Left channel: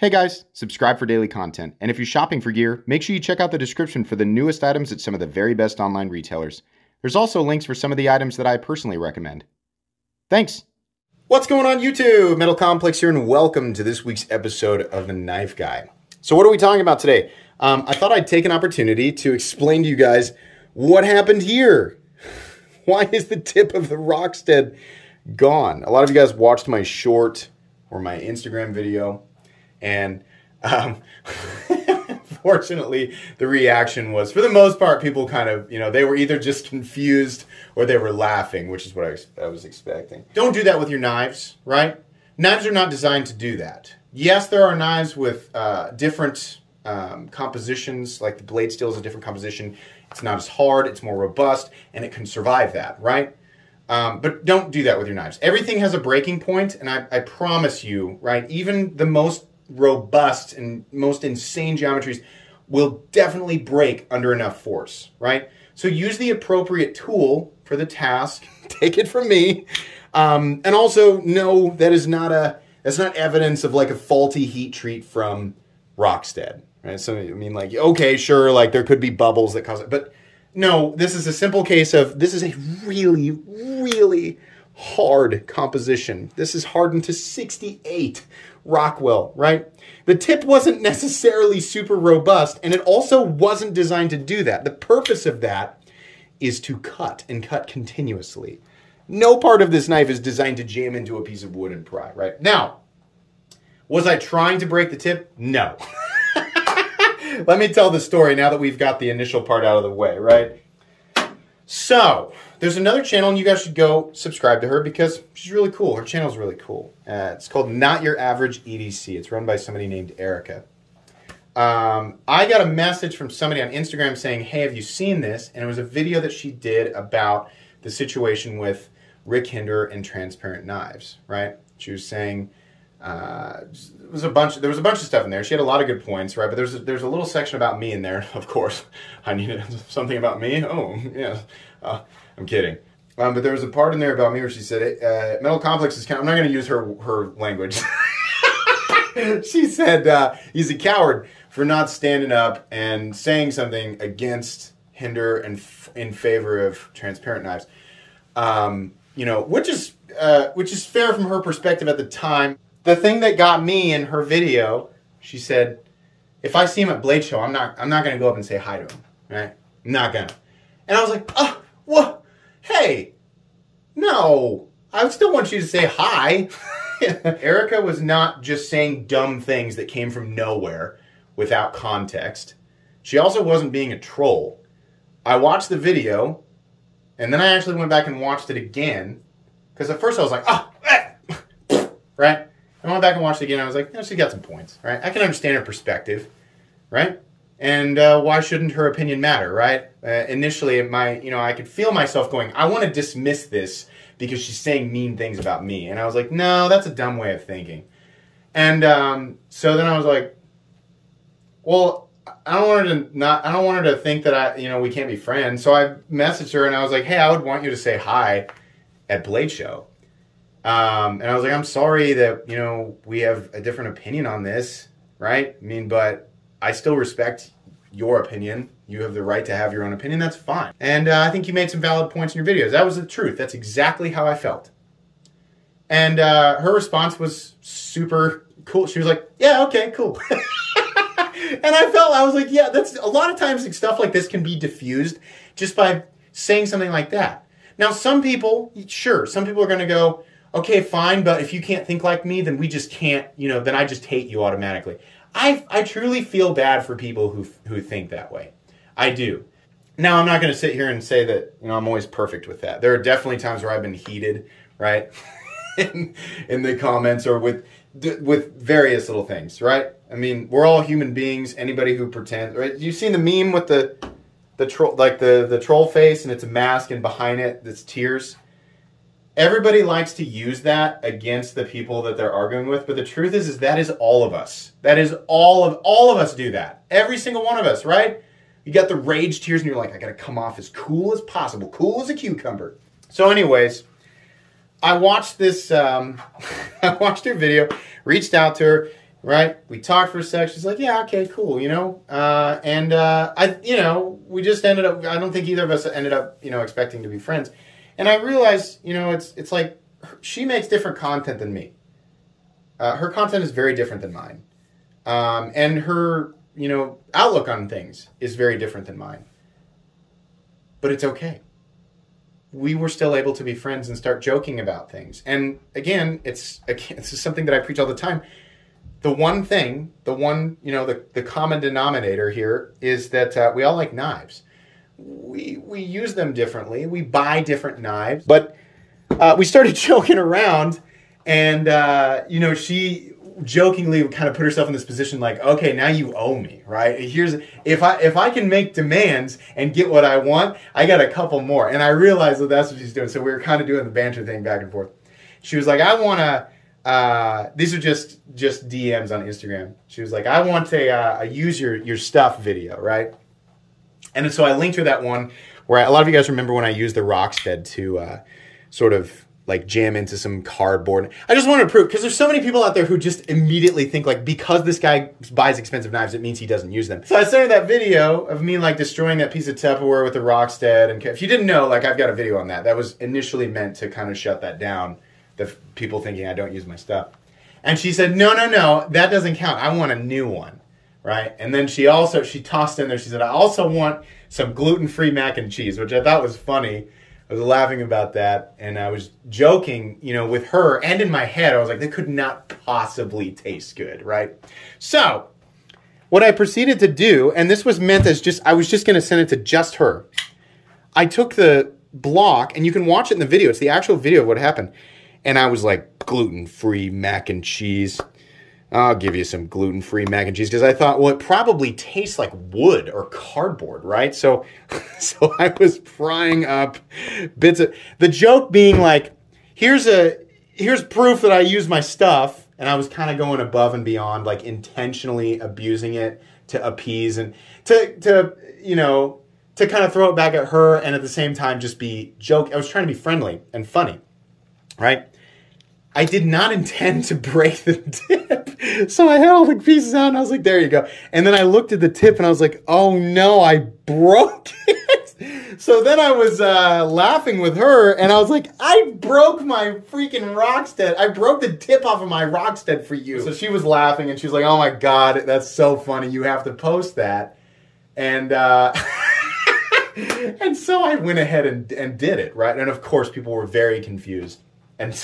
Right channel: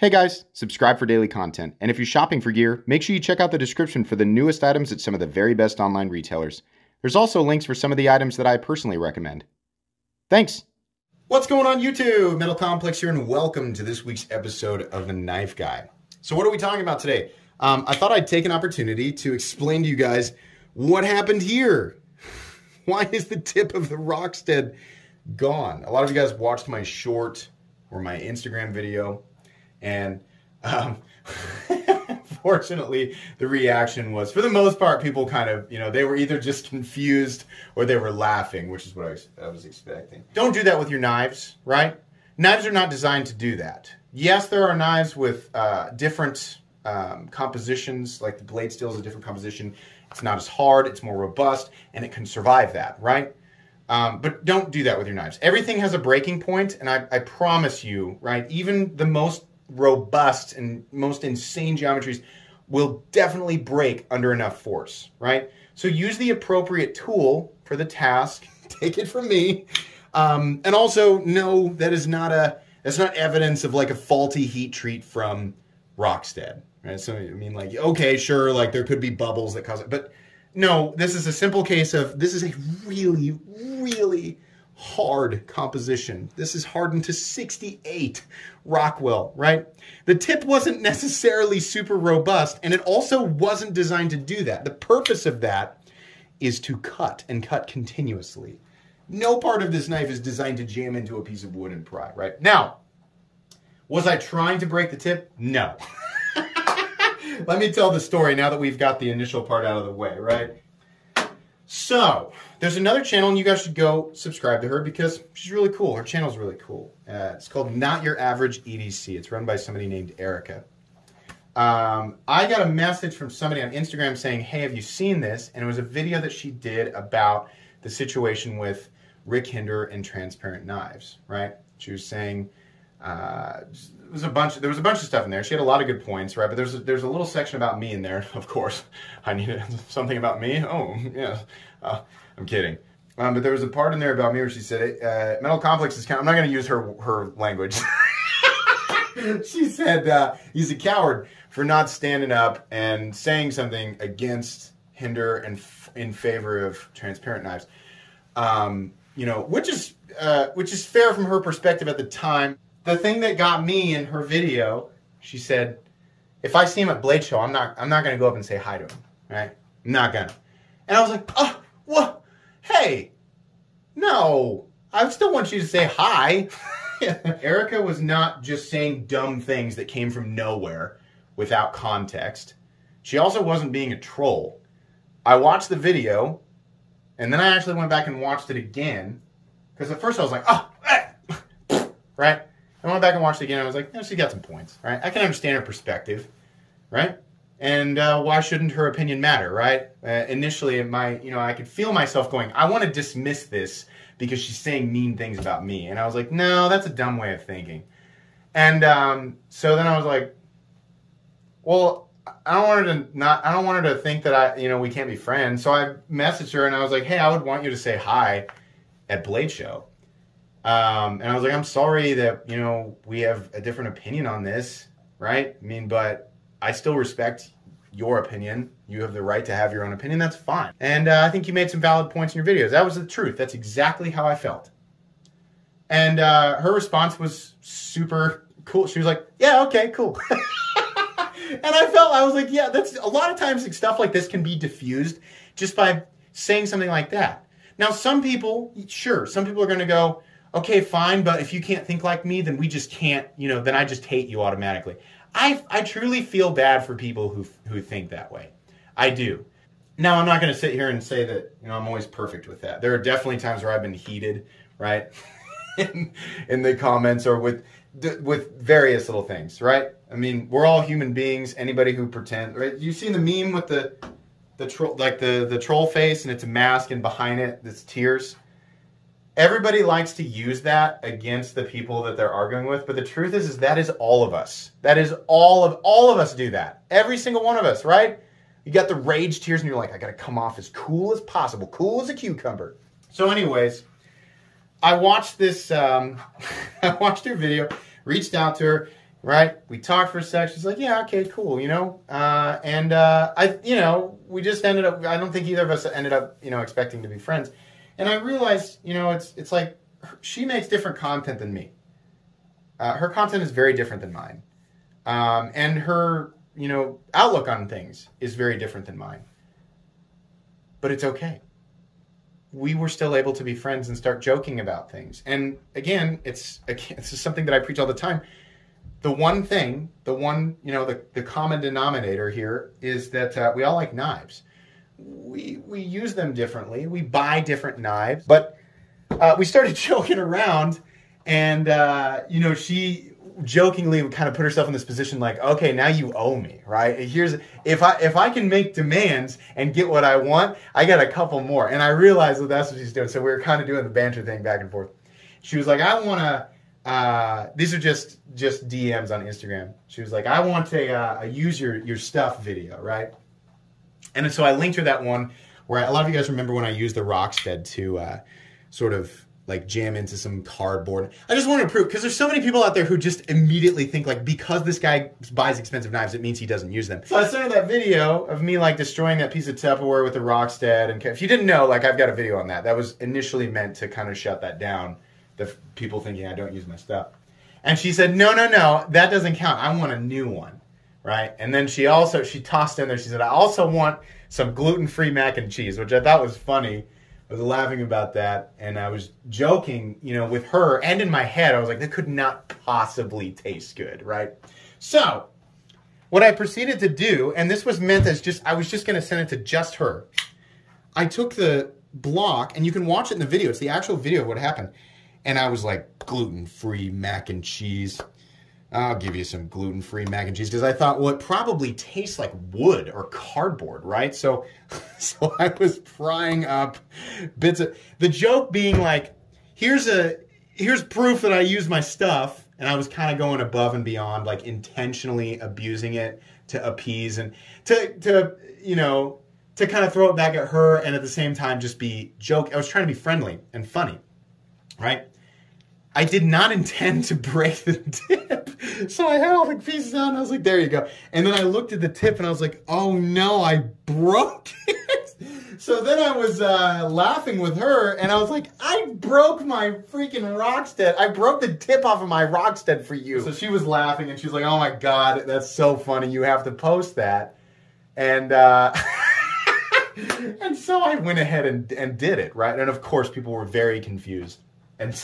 Hey guys, subscribe for daily content, and if you're shopping for gear, make sure you check out the description for the newest items at some of the very best online retailers. There's also links for some of the items that I personally recommend. Thanks! What's going on YouTube? Metal Complex here, and welcome to this week's episode of The Knife Guy. So what are we talking about today? I thought I'd take an opportunity to explain to you guys what happened here. Why is the tip of the Rockstead gone? A lot of you guys watched my short or my Instagram video. And fortunately, the reaction was, for the most part, people kind of, they were either just confused or they were laughing, which is what I was expecting. Don't do that with your knives, right? Knives are not designed to do that. Yes, there are knives with different compositions, like the blade steel is a different composition. It's not as hard, it's more robust, and it can survive that, right? But don't do that with your knives. Everything has a breaking point, and I promise you, right, even the most robust and most insane geometries will definitely break under enough force, right? So use the appropriate tool for the task. Take it from me. And also know that's not evidence of like a faulty heat treat from Rockstead, right? So, I mean, like, okay, sure, like there could be bubbles that cause it, but no, this is a simple case of, this is a really, really hard composition. This is hardened to 68 Rockwell, right? The tip wasn't necessarily super robust, and it also wasn't designed to do that. The purpose of that is to cut and cut continuously. No part of this knife is designed to jam into a piece of wood and pry, right? Now, was I trying to break the tip? No. Let me tell the story now that we've got the initial part out of the way, right? So, there's another channel, and you guys should go subscribe to her because she's really cool. Her channel's really cool. It's called Not Your Average EDC. It's run by somebody named Erica. I got a message from somebody on Instagram saying, hey, have you seen this? And it was a video that she did about the situation with Rick Hinder and transparent knives, right? She was saying, there was a bunch of stuff in there. She had a lot of good points, right? But there's a little section about me in there, of course. I needed something about me. Oh, yeah. I'm kidding. But there was a part in there about me where she said, Metal Complex is kind of, I'm not going to use her language. She said, he's a coward for not standing up and saying something against Hinder and in favor of transparent knives. Which is fair from her perspective at the time. The thing that got me in her video, she said, if I see him at Blade Show, I'm not going to go up and say hi to him, right? I'm not going to. And I was like, oh, what? Hey, no, I still want you to say hi. Erica was not just saying dumb things that came from nowhere without context. She also wasn't being a troll. I watched the video, and then I actually went back and watched it again, because at first I was like, oh, right? I went back and watched it again, and I was like, she got some points, right? I can understand her perspective, right? And why shouldn't her opinion matter, right? Initially, I could feel myself going, I want to dismiss this because she's saying mean things about me. And I was like, no, that's a dumb way of thinking. And so then I was like, well, I don't want her to think that we can't be friends. So I messaged her and I was like, hey, I would want you to say hi at Blade Show. And I was like, I'm sorry that, we have a different opinion on this, right? I mean, but I still respect your opinion. You have the right to have your own opinion. That's fine. And I think you made some valid points in your videos. That was the truth. That's exactly how I felt. And her response was super cool. She was like, yeah, okay, cool. And I was like, yeah, that's a lot of times stuff like this can be diffused just by saying something like that. Now, some people, sure, some people are going to go, okay, fine, but if you can't think like me, then we just can't, then I just hate you automatically. I truly feel bad for people who think that way. I do. Now, I'm not going to sit here and say that, I'm always perfect with that. There are definitely times where I've been heated, right? in the comments or with various little things, right? I mean, we're all human beings. Anybody who pretends, right? You've seen the meme with the troll, like the troll face, and it's a mask, and behind it, it's tears. Everybody likes to use that against the people that they're arguing with, but the truth is that is all of us. That is all of us do that. Every single one of us, right? You got the rage tears and you're like, I gotta come off as cool as possible, cool as a cucumber. So anyways, I watched this, I watched her video, reached out to her, right? We talked for a sec. She's like, yeah, okay, cool, you know? We just ended up, I don't think either of us ended up, expecting to be friends. And I realized, it's like, she makes different content than me. Her content is very different than mine. And her, outlook on things is very different than mine. But it's okay. We were still able to be friends and start joking about things. And again, it's something that I preach all the time. The one thing, the common denominator here is that we all like knives. We use them differently. We buy different knives. But we started joking around, and she jokingly would kind of put herself in this position like, okay, now you owe me, right? If I can make demands and get what I want, I got a couple more. And I realized that that's what she's doing. So we were kind of doing the banter thing back and forth. She was like, I want to, these are just DMs on Instagram. She was like, I want a use your stuff video, right? And so I linked her that one where a lot of you guys remember when I used the Rockstead to sort of like jam into some cardboard. I just wanted to prove, because there's so many people out there who just immediately think like, because this guy buys expensive knives, it means he doesn't use them. So I sent her that video of me like destroying that piece of Tupperware with the Rockstead. And if you didn't know, like I've got a video on that. That was initially meant to kind of shut that down, the people thinking I don't use my stuff. And she said, no, that doesn't count. I want a new one, right? And then she tossed in there, she said, I also want some gluten-free mac and cheese, which I thought was funny. I was laughing about that, and I was joking, with her, and in my head, I was like, that could not possibly taste good, right? So, what I proceeded to do, and this was meant as I was just going to send it to just her. I took the block, and you can watch it in the video. It's the actual video of what happened. And I was like, gluten-free mac and cheese. I'll give you some gluten-free mac and cheese, because I thought, well, it probably tastes like wood or cardboard, right? So I was frying up bits of, the joke being like, here's proof that I use my stuff, and I was kind of going above and beyond, like intentionally abusing it to appease and to kind of throw it back at her, and at the same time just be I was trying to be friendly and funny, right? I did not intend to break the tip. So I had all the pieces out and I was like, there you go. And then I looked at the tip and I was like, oh no, I broke it. So then I was laughing with her and I was like, I broke my freaking Rockstead. I broke the tip off of my Rockstead for you. So she was laughing and she's like, oh my God, that's so funny. You have to post that. And and so I went ahead and did it, right? And of course people were very confused. And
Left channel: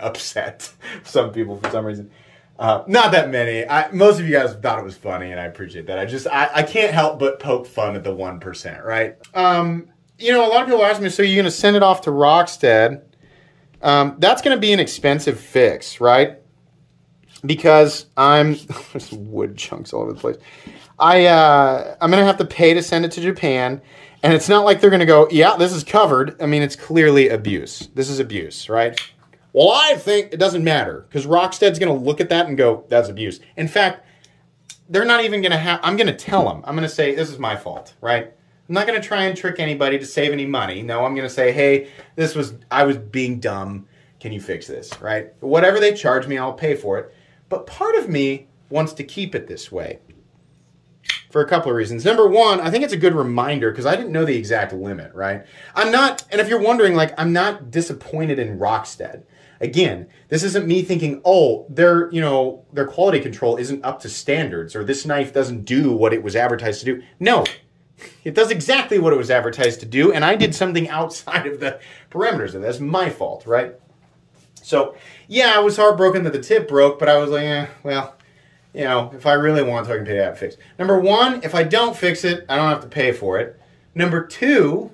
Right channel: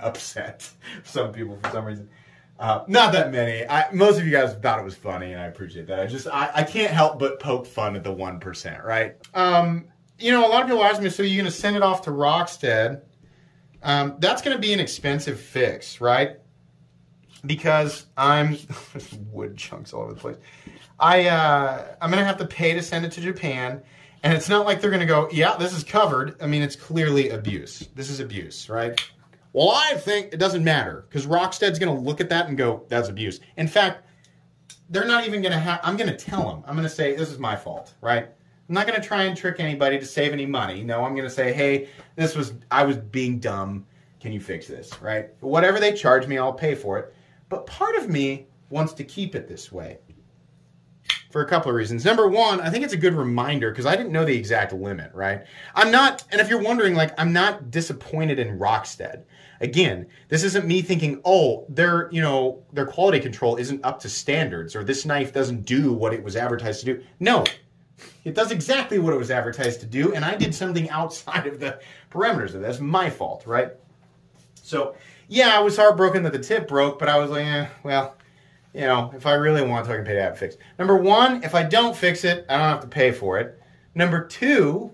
upset, some people for some reason. Not that many. Most of you guys thought it was funny, and I appreciate that. I can't help but poke fun at the 1%, right? A lot of people ask me, so you're going to send it off to Rockstead? That's going to be an expensive fix, right? Because there's wood chunks all over the place. I'm going to have to pay to send it to Japan. And it's not like they're going to go, yeah, this is covered. I mean, it's clearly abuse. This is abuse, right? Well, I think it doesn't matter because Rockstead's going to look at that and go, that's abuse. In fact, they're not even going to have, I'm going to tell them. I'm going to say, this is my fault, right? I'm not going to try and trick anybody to save any money. No, I'm going to say, hey, I was being dumb. Can you fix this, right? Whatever they charge me, I'll pay for it. But part of me wants to keep it this way for a couple of reasons. Number one, I think it's a good reminder because I didn't know the exact limit, right? I'm not, and if you're wondering, like, I'm not disappointed in Rockstead. Again, this isn't me thinking, oh, their quality control isn't up to standards or this knife doesn't do what it was advertised to do. No, it does exactly what it was advertised to do, and I did something outside of the parameters of it. That's my fault, right? So, yeah, I was heartbroken that the tip broke, but I was like, well, if I really want to, I can pay to have it fixed. Number one, if I don't fix it, I don't have to pay for it. Number two,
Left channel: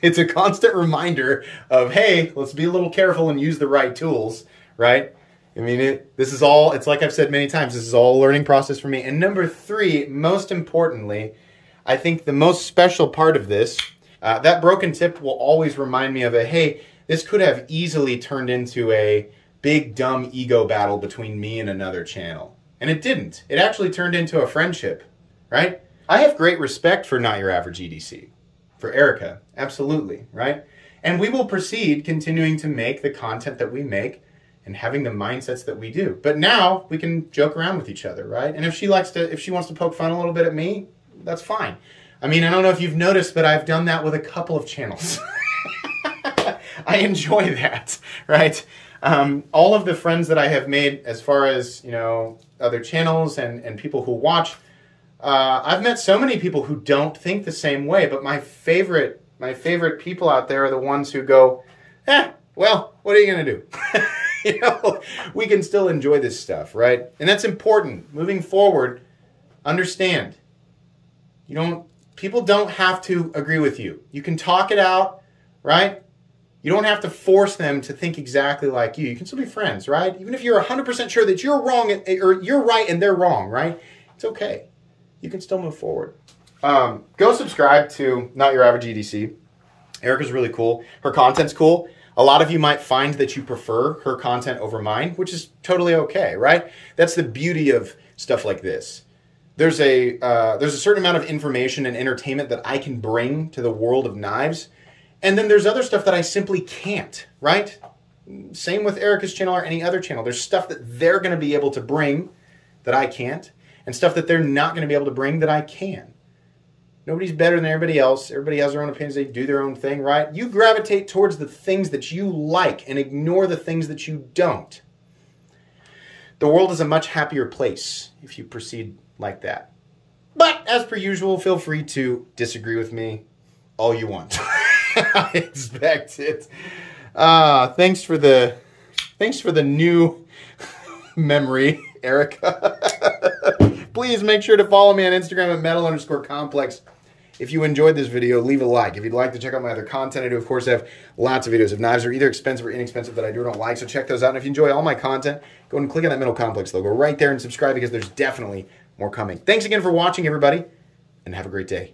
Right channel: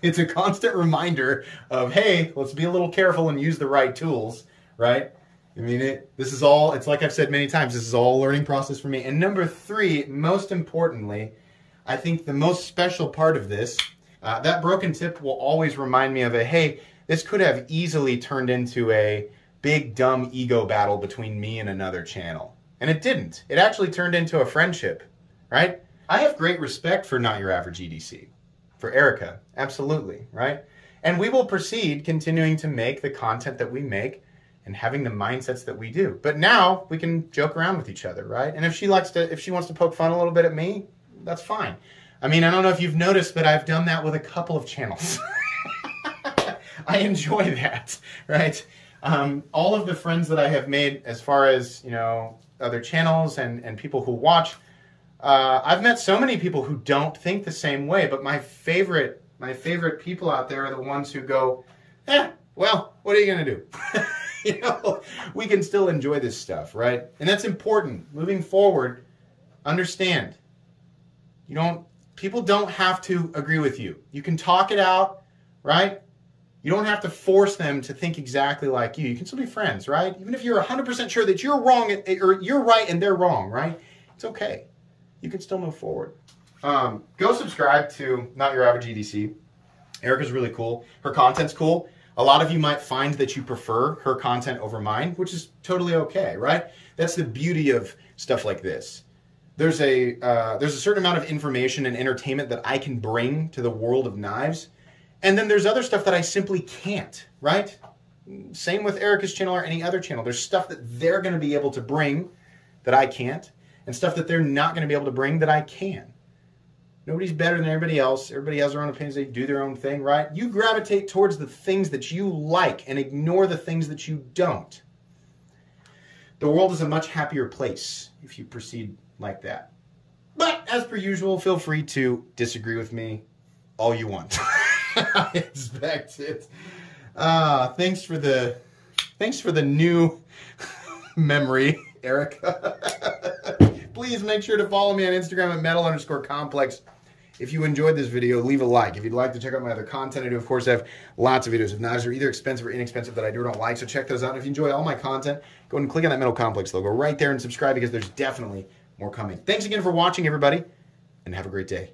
it's a constant reminder of, hey, let's be a little careful and use the right tools, right? I mean, it's like I've said many times, this is all a learning process for me. And number three, most importantly, I think the most special part of this, that broken tip will always remind me of hey, this could have easily turned into a big, dumb ego battle between me and another channel. And it didn't. It actually turned into a friendship, right? I have great respect for Not Your Average EDC. For Erica, absolutely, right? And we will proceed continuing to make the content that we make and having the mindsets that we do. But now we can joke around with each other, right? And if she wants to poke fun a little bit at me, that's fine. I mean, I don't know if you've noticed, but I've done that with a couple of channels. I enjoy that, right? All of the friends that I have made, as far as, you know, other channels and people who watch, I've met so many people who don't think the same way, but my favorite people out there are the ones who go, well, what are you going to do? You know, we can still enjoy this stuff, right? And that's important. Moving forward, understand, people don't have to agree with you. You can talk it out, right? You don't have to force them to think exactly like you. You can still be friends, right? Even if you're 100% sure that you're wrong, or you're right and they're wrong, right? It's okay. You can still move forward. Go subscribe to Not Your Average EDC. Erica's really cool. Her content's cool. A lot of you might find that you prefer her content over mine, which is totally okay, right? That's the beauty of stuff like this. There's a certain amount of information and entertainment that I can bring to the world of knives. And then there's other stuff that I simply can't, right? Same with Erica's channel or any other channel. There's stuff that they're going to be able to bring that I can't, and stuff that they're not going to be able to bring that I can. Nobody's better than everybody else. Everybody has their own opinions. They do their own thing, right? You gravitate towards the things that you like and ignore the things that you don't. The world is a much happier place if you proceed like that. But as per usual, feel free to disagree with me all you want. I expect it. Thanks for the new memory, Erica. Please make sure to follow me on Instagram at metal_complex. If you enjoyed this video, leave a like. If you'd like to check out my other content, I do, of course, have lots of videos of knives that are either expensive or inexpensive that I do or don't like, so check those out. And if you enjoy all my content, go ahead and click on that Metal Complex logo right there and subscribe, because there's definitely more coming. Thanks again for watching, everybody, and have a great day.